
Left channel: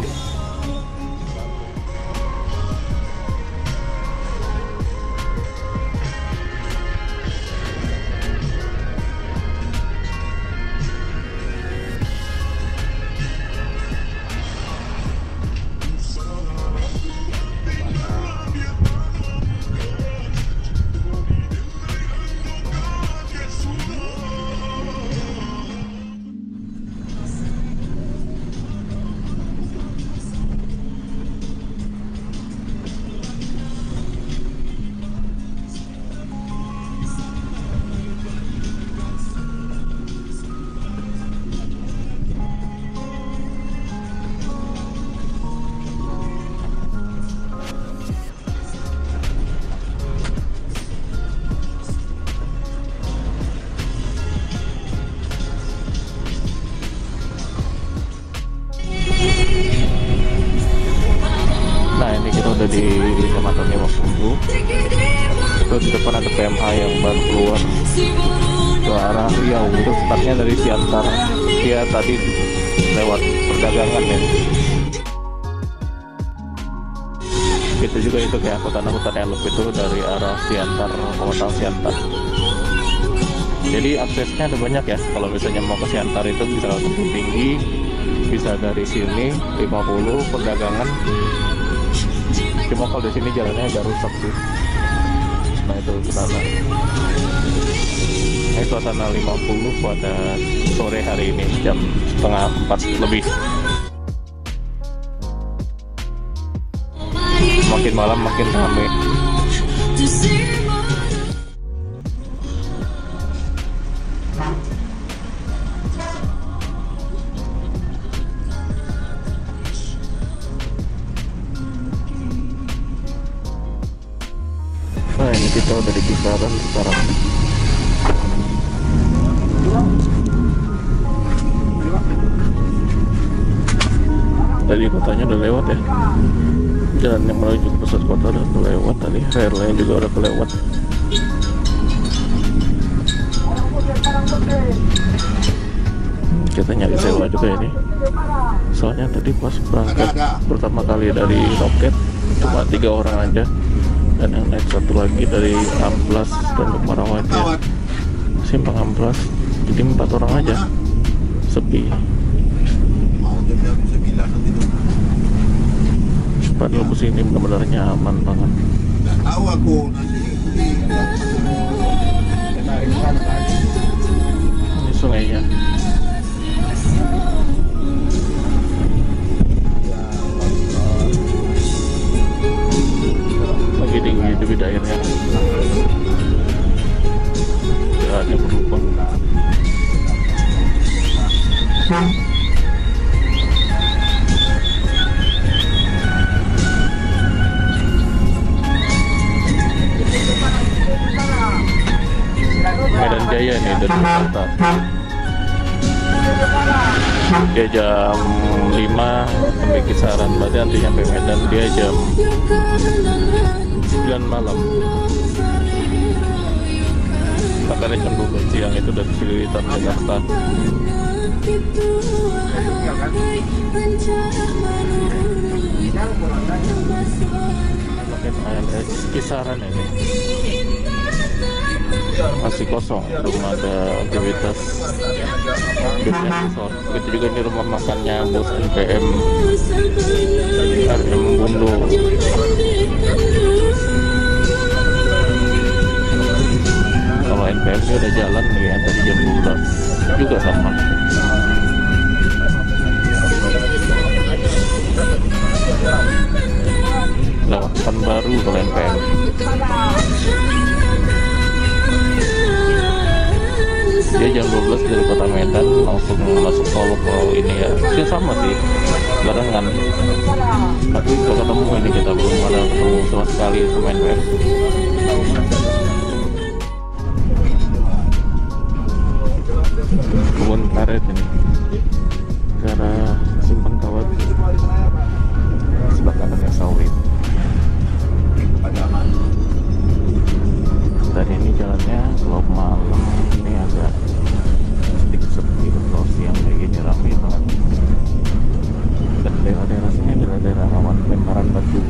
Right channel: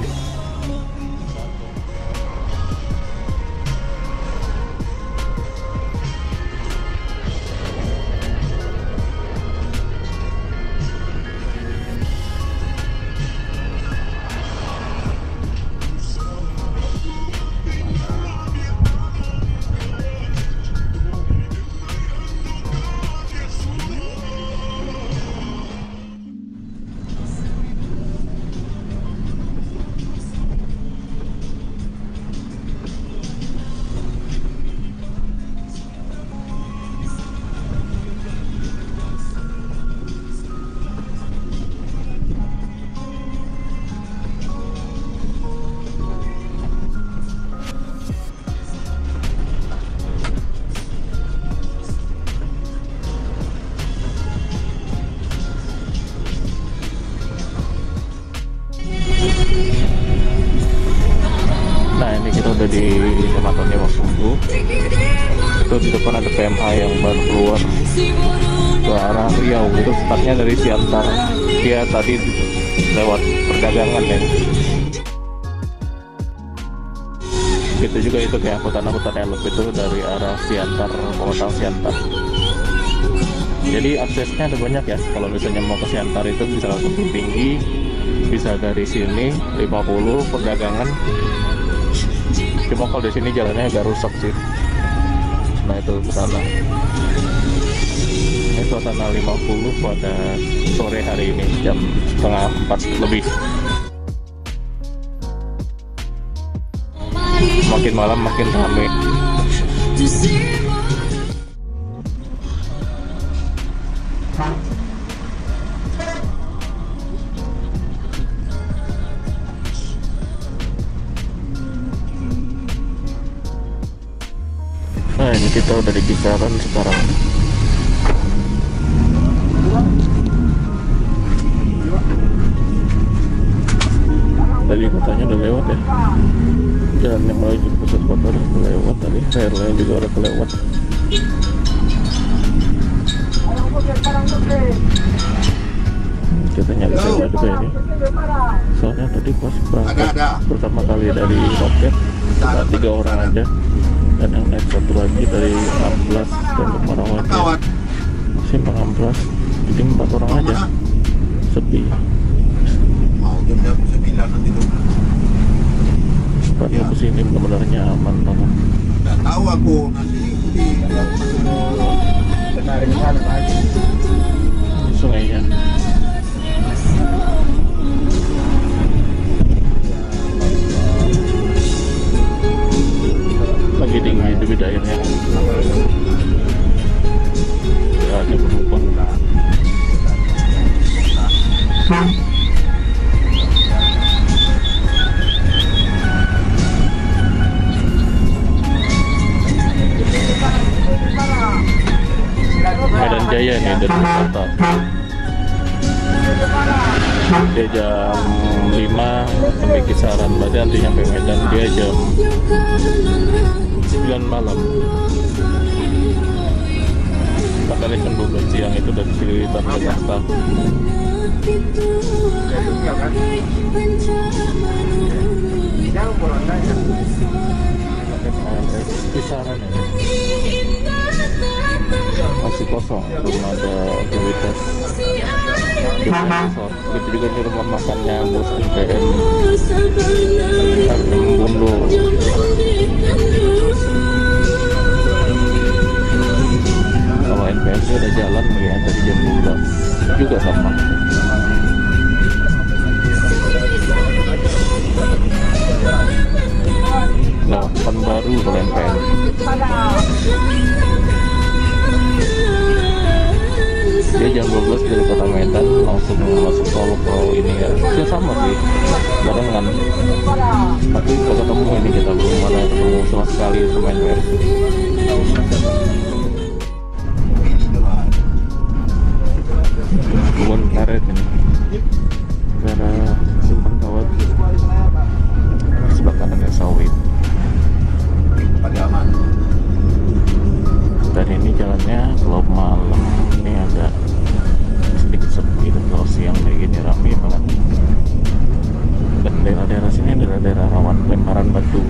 kecamatannya Wapundu. Itu di depan ada PMA yang baru keluar ke arah Riau. Itu startnya dari Siantar, dia tadi lewat perdagangan ya. Gitu juga itu kayak angkutan elop itu dari arah Siantar, Pematang Siantar. Jadi aksesnya ada banyak ya. Kalau misalnya mau ke Siantar itu bisa langsung tinggi, bisa dari sini 50 perdagangan. Cuma kalau di sini jalannya agak rusak sih. Nah itu ke sana. Ini suasana 50 pada sore hari ini jam 3:30 lebih. Makin malam makin ramai. Nah ini kita udah di kisaran sekarang. Tadi kotanya udah lewat ya. Jalan yang menuju pusat kota udah kelewat tadi. Air lain juga udah kelewat. Kita nyari sewa juga ini. Soalnya tadi pas berangkat pertama kali dari Roket cuma 3 orang aja. Dan yang naik satu lagi dari Amplas dan ke Marawaja Simpang Amplas, jadi 4 orang aja, sepi. Mau jam 9 nanti tuh. Padahal kesini benar-benar nyaman banget. Nggak tahu aku nanti Ini sungainya. Lagi tinggi debit airnya. Tidak ada penumpang. Medan Jaya nih dari Jakarta. Dia jam 5 sampai kisaran, berarti nanti sampai Medan dia jam 9 malam. Makanya jam 12 siang itu dari Cililitan Jakarta. Kisaran ini masih kosong, belum ada aktivitas. Begitu juga di rumah makannya bos NPM Bundu. Kalau NPM sih ada jalan kayak tadi jam 12 juga sama. Lewat Pekanbaru kalau NPM. Dia jam 12 dari kota Medan langsung masuk tol ke ini ya. Dia sama sih, barengan. Tapi kalau ketemu ini kita belum ada ketemu sama sekali sama NPM. Kebun karet ini. Karena Simpang Kawat. Sebelah kanannya sawit. Dan ini jalannya kalau malam ini agak sedikit sepi, kalau siang kayak gini ramai banget. Dan daerah-daerah sini adalah daerah rawan lemparan batu.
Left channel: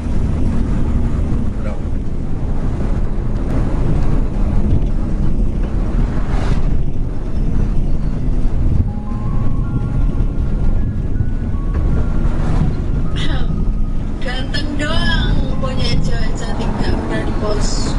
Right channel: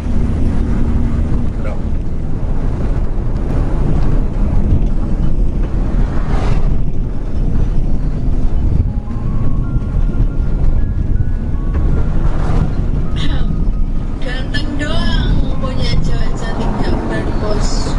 Ganteng doang punya cewek cantik, gak berani bos.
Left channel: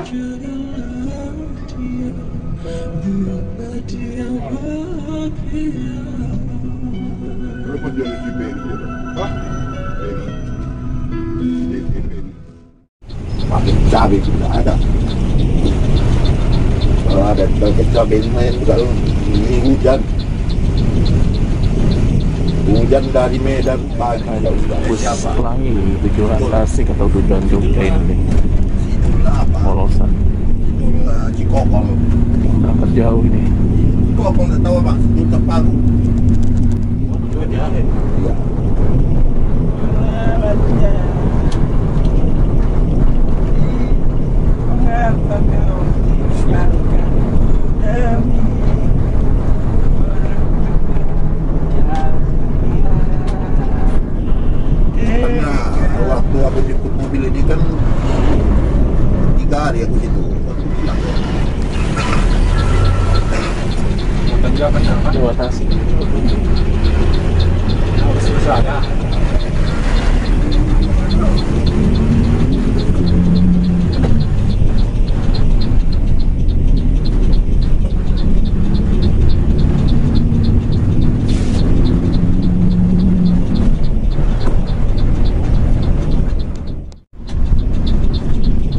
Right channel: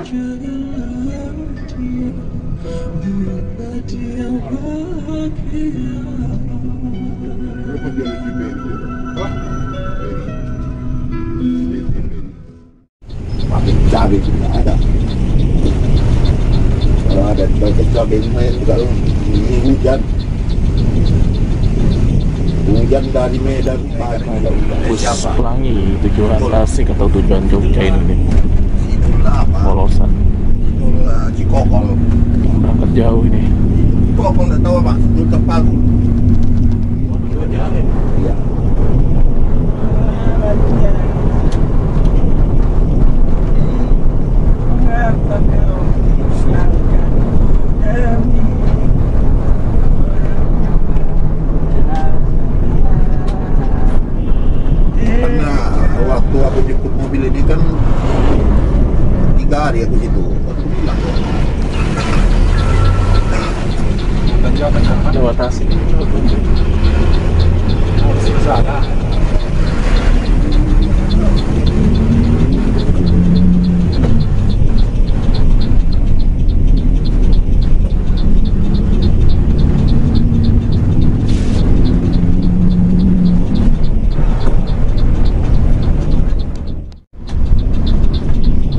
Makin cabai tidak ada. Kalau ada cabai lumayan kalau ini hujan. Hujan dari Medan pagi ada hujan. Bus Pelangi tujuan Tasik atau tujuan Jogja ini Itulah apa? polosan Itulah Cikokol. berangkat jauh ini. Cikokol nggak tahu apa? Itu Pagu. Iya. Karena waktu aku jemput mobil ini kan 3 hari aku situ. Aku bilang Lewat Tasik.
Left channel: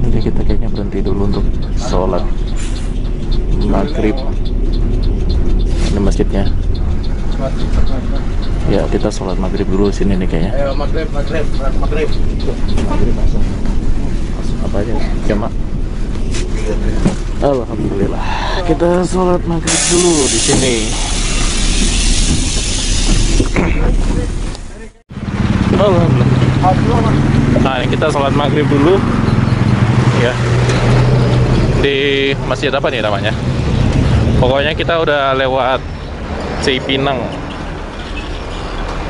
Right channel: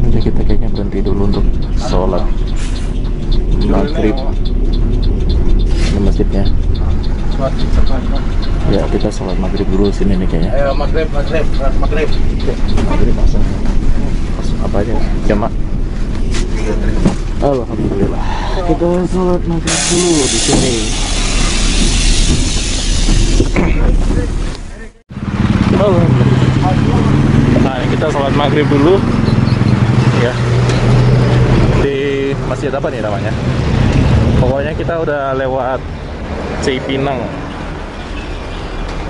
Jadi kita kayaknya berhenti dulu untuk sholat maghrib. Ini masjidnya. Ya kita sholat maghrib dulu sini nih kayaknya. ayo maghrib. Maghrib masuk apa aja? Jamaah. Alhamdulillah. Kita sholat maghrib dulu di sini. Nah ini kita sholat maghrib dulu ya di masjid apa nih namanya? Pokoknya kita udah lewat Cipinang,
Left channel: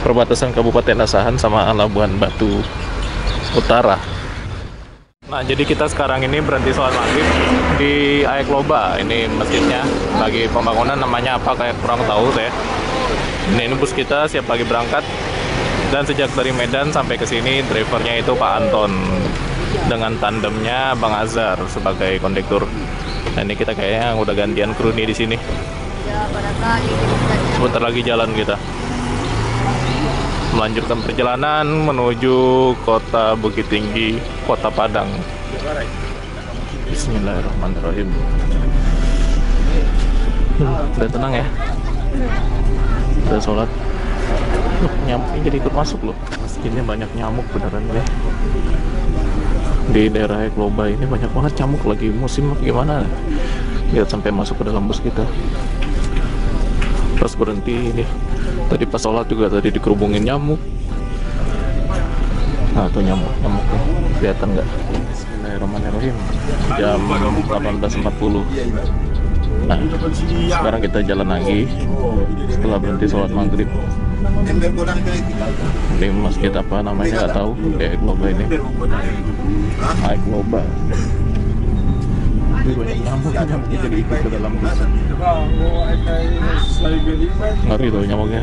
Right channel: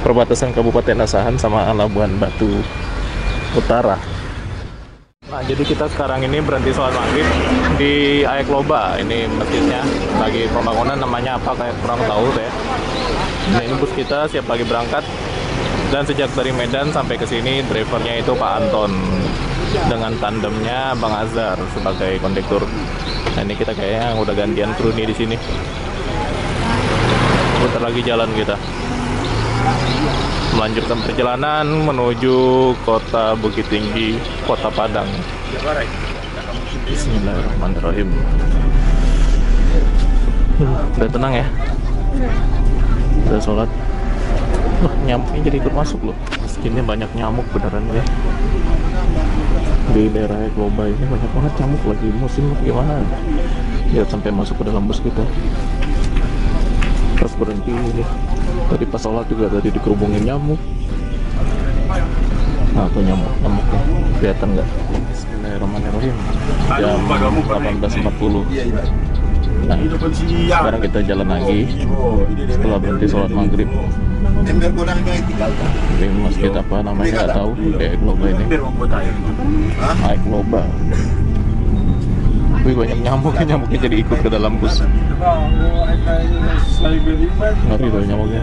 perbatasan Kabupaten Asahan sama Labuan Batu Utara. Nah jadi kita sekarang ini berhenti sholat maghrib di Aek Loba. Ini masjidnya lagi pembangunan, namanya apa kayak kurang tahu saya. Ini bus kita siap lagi berangkat. Dan sejak dari Medan sampai ke sini, drivernya itu Pak Anton dengan tandemnya Bang Azhar sebagai kondektur. Nah ini kita kayaknya udah gantian kru nih di sini. Bentar lagi jalan kita melanjutkan perjalanan menuju kota Bukit Tinggi, Kota Padang. Bismillahirrahmanirrahim. Udah tenang ya. Udah sholat. Loh, nyamuknya jadi ikut masuk loh. Ini banyak nyamuk beneran ya. Di daerah Aek Loba ini banyak banget nyamuk, lagi musim gimana. Lihat sampai masuk ke dalam bus kita. Pas berhenti ini. Tadi pas sholat juga tadi dikerubungin nyamuk. Nah tuh nyamuknya. Kelihatan nggak? Bismillahirrahmanirrahim. Jam 18.40. Nah, sekarang kita jalan lagi setelah berhenti sholat maghrib. Di masjid apa namanya nggak tahu, di Aek Loba ini. Aek Loba. Wih banyak nyamuknya jadi ikut ke dalam bus. Ngeri tuh nyamuknya.